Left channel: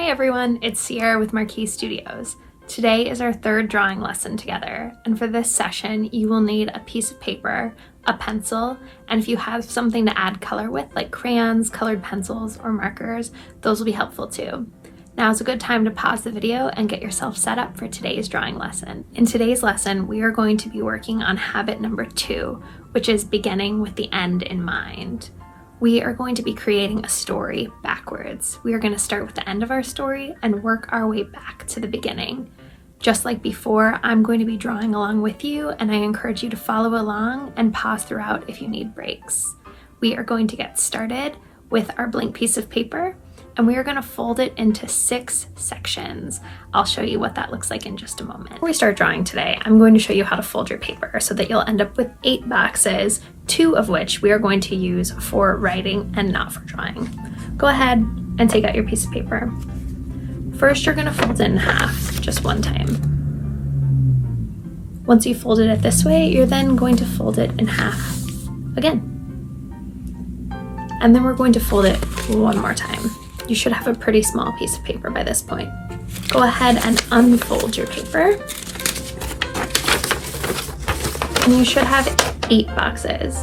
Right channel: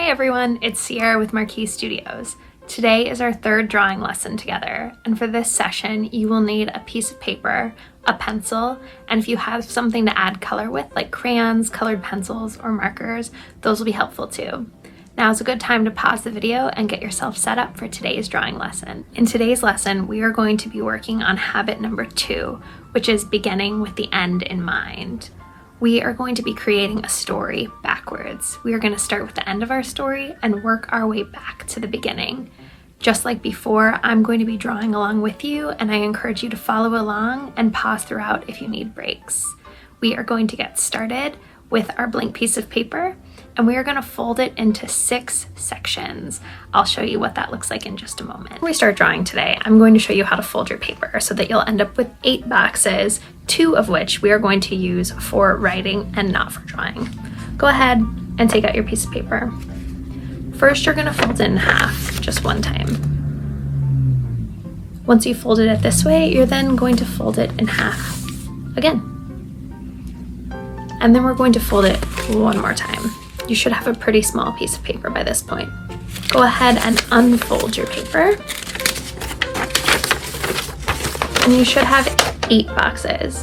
Hi everyone, it's Sierra with Marquee Studios. Today is our third drawing lesson together, and for this session you will need a piece of paper, a pencil, and if you have something to add color with, like crayons, colored pencils, or markers, those will be helpful too. Now is a good time to pause the video and get yourself set up for today's drawing lesson. In today's lesson, we are going to be working on habit number 2, which is beginning with the end in mind. We are going to be creating a story backwards. We are going to start with the end of our story and work our way back to the beginning. Just like before, I'm going to be drawing along with you, and I encourage you to follow along and pause throughout if you need breaks. We are going to get started with our blank piece of paper, and we are going to fold it into 6 sections. I'll show you what that looks like in just a moment. Before we start drawing today, I'm going to show you how to fold your paper so that you'll end up with 8 boxes, 2 of which we are going to use for writing and not for drawing. Go ahead and take out your piece of paper. First, you're going to fold it in half, just one time. Once you've folded it this way, you're then going to fold it in half again. And then we're going to fold it one more time. You should have a pretty small piece of paper by this point. Go ahead and unfold your paper. And you should have 8 boxes.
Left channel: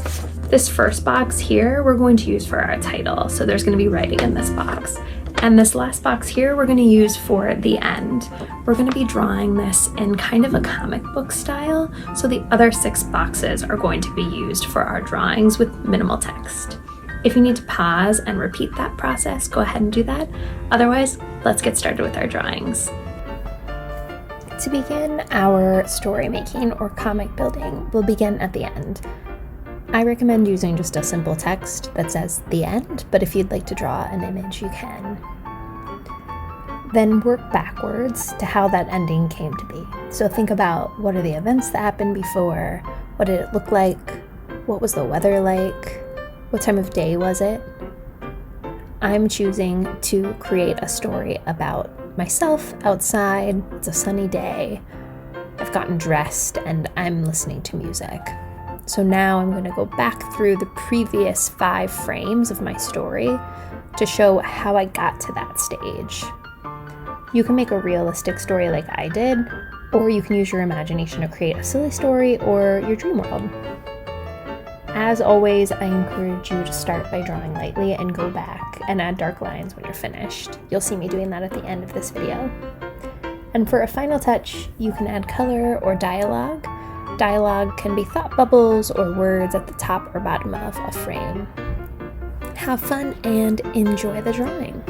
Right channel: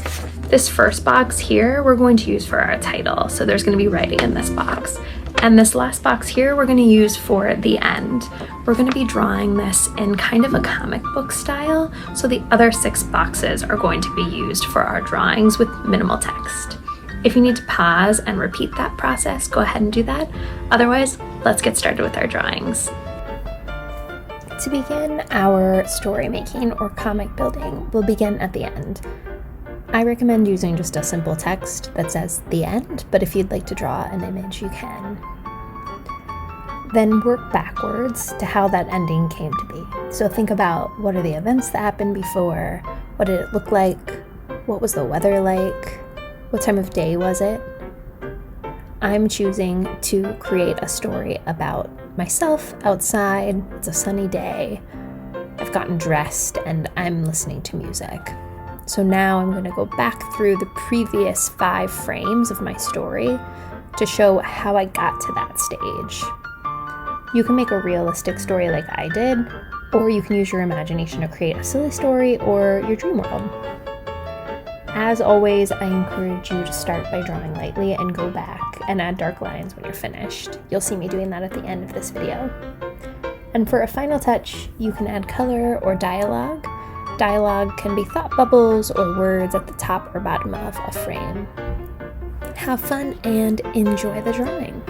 This first box here, we're going to use for our title. So there's going to be writing in this box. And this last box here, we're going to use for the end. We're going to be drawing this in kind of a comic book style. So the other 6 boxes are going to be used for our drawings with minimal text. If you need to pause and repeat that process, go ahead and do that. Otherwise, let's get started with our drawings. To begin our story making or comic building, we'll begin at the end. I recommend using just a simple text that says the end, but if you'd like to draw an image, you can. Then work backwards to how that ending came to be. So think about, what are the events that happened before? What did it look like? What was the weather like? What time of day was it? I'm choosing to create a story about myself outside. It's a sunny day. I've gotten dressed and I'm listening to music. So now I'm going to go back through the previous 5 frames of my story to show how I got to that stage. You can make a realistic story like I did, or you can use your imagination to create a silly story or your dream world. As always, I encourage you to start by drawing lightly and go back and add dark lines when you're finished. You'll see me doing that at the end of this video. And for a final touch, you can add color or dialogue. Dialogue can be thought bubbles or words at the top or bottom of a frame. Have fun and enjoy the drawing.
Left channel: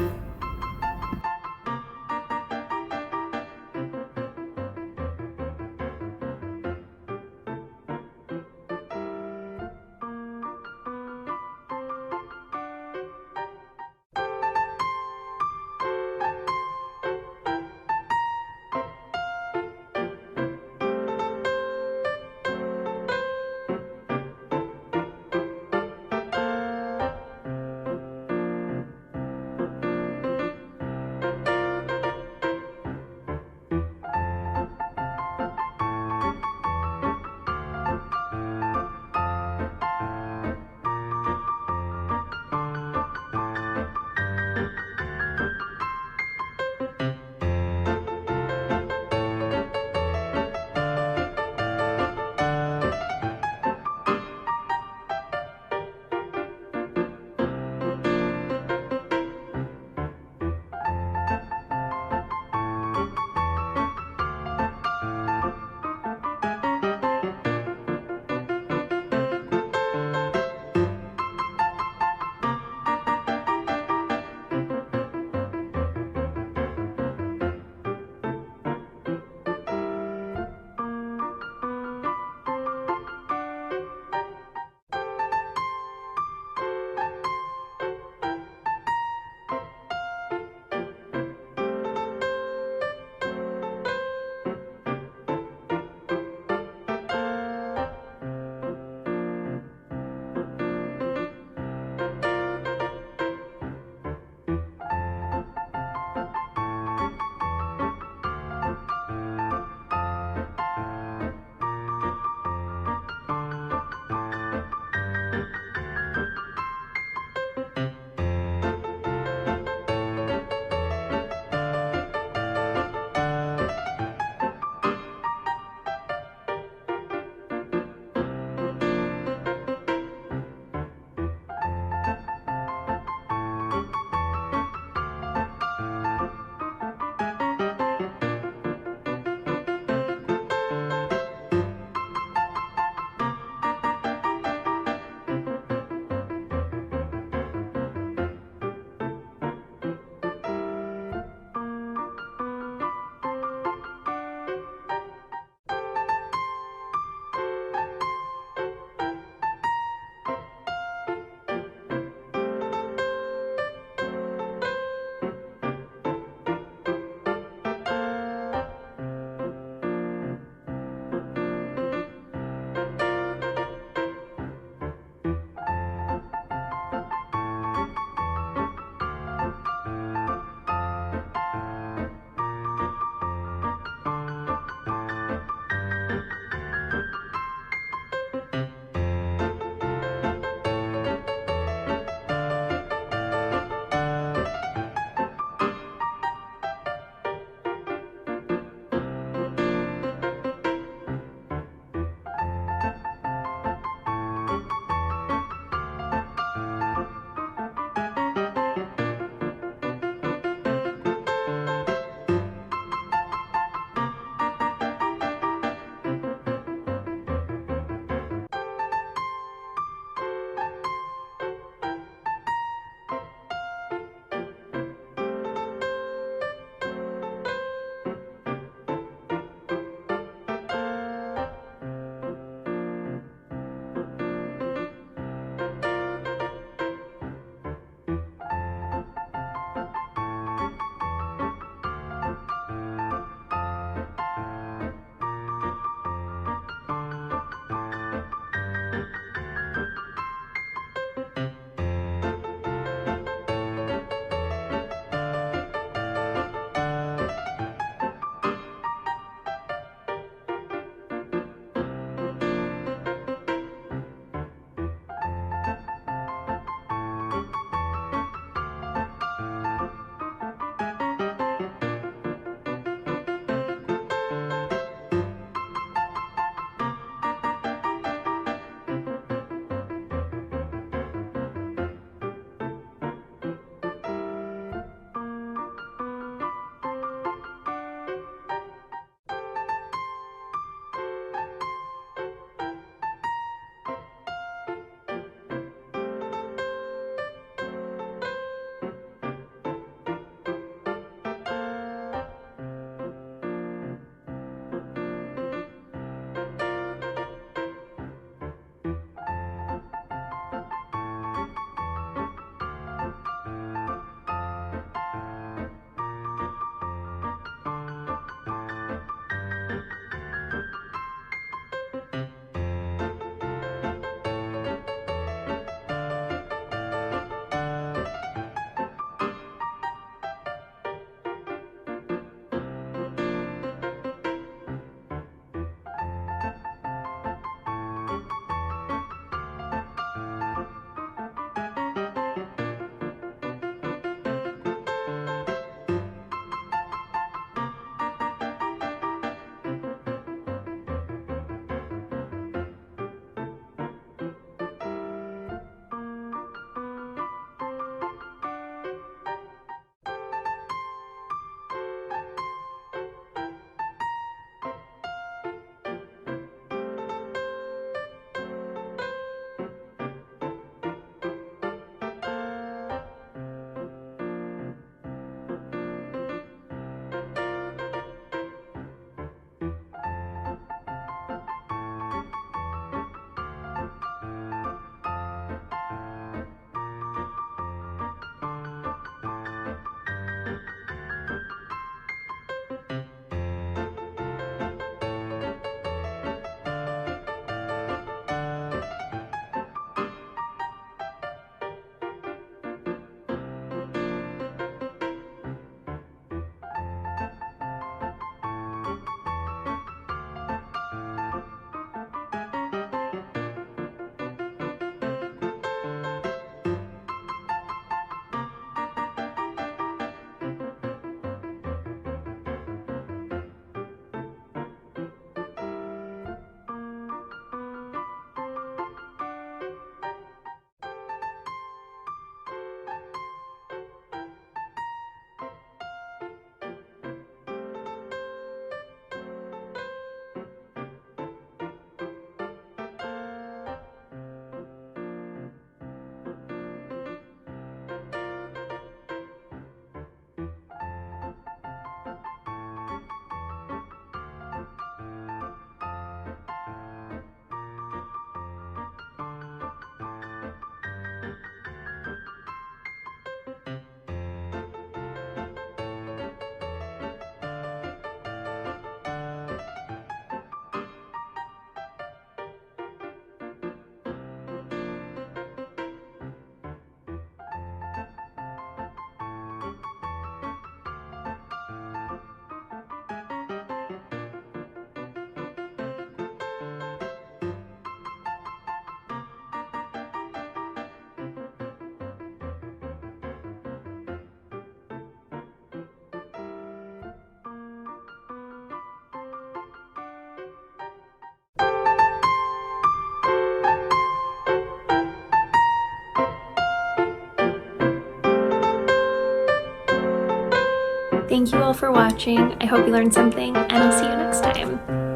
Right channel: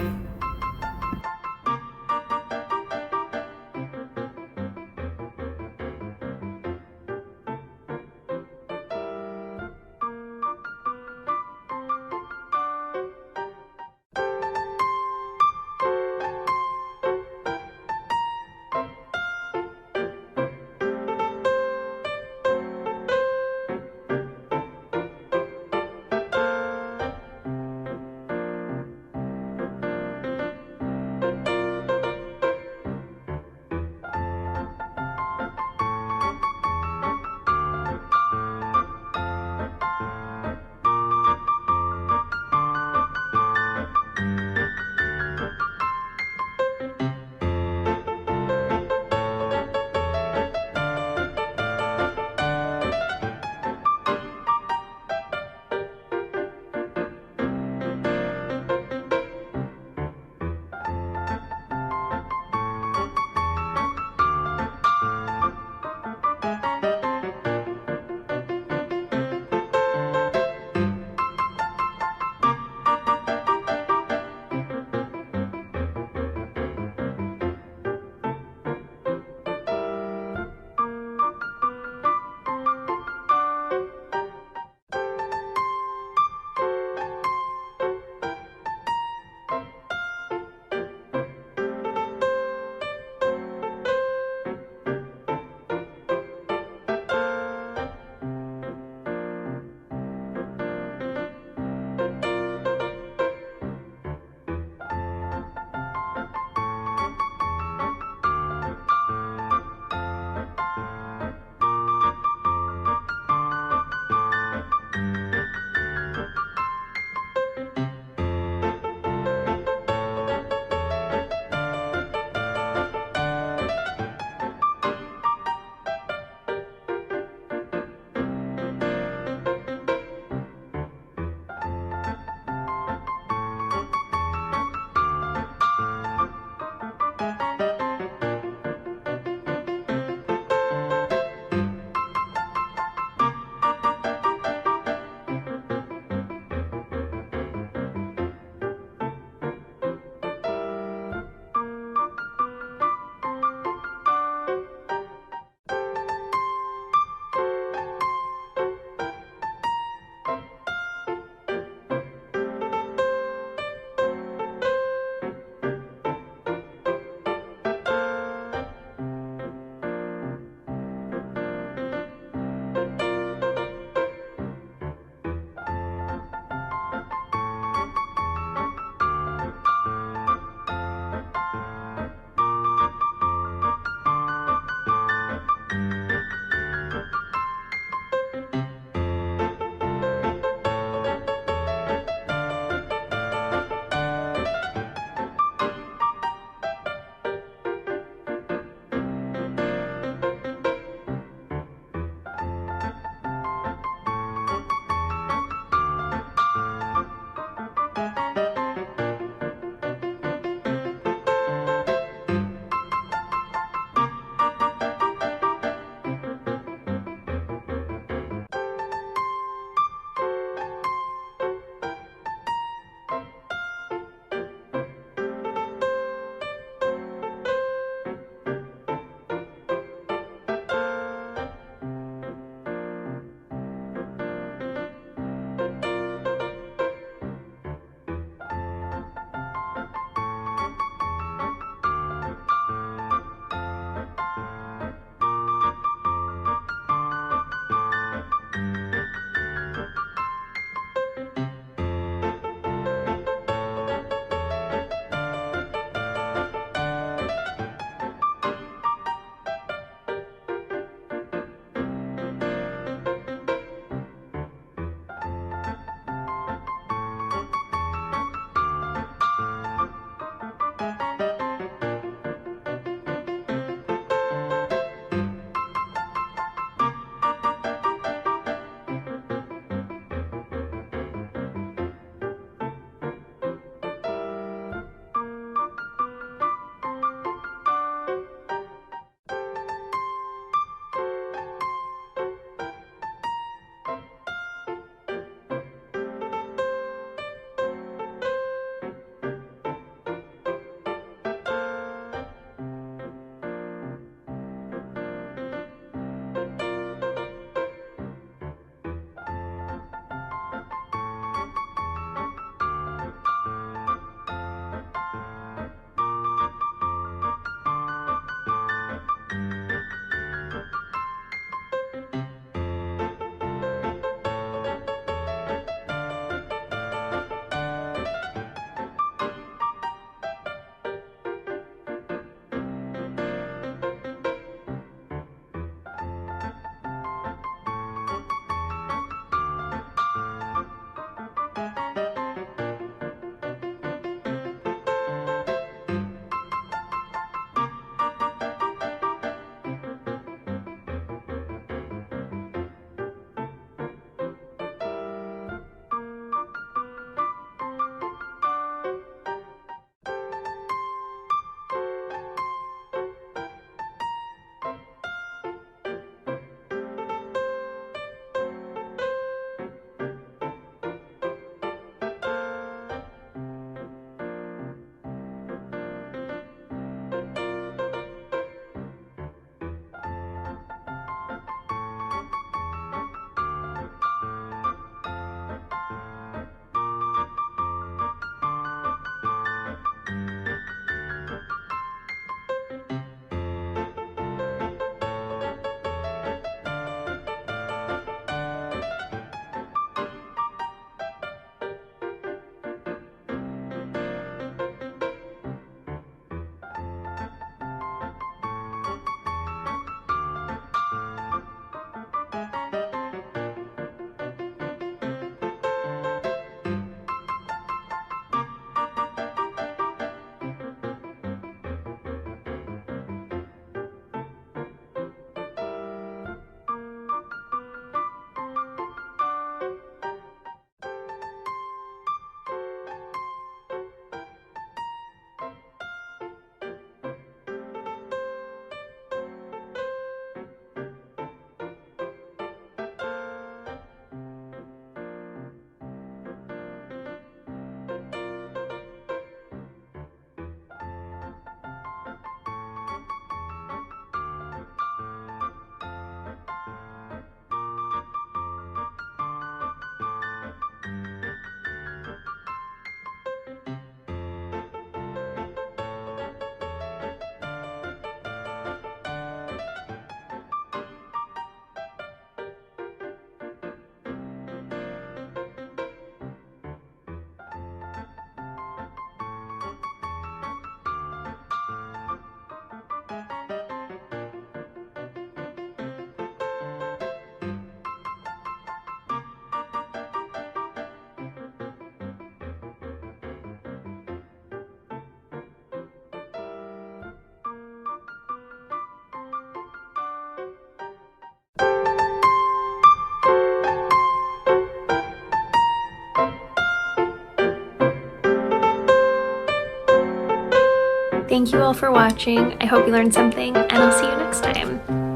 Thank you all for watching. I hope you learned something, and I'll see you next time.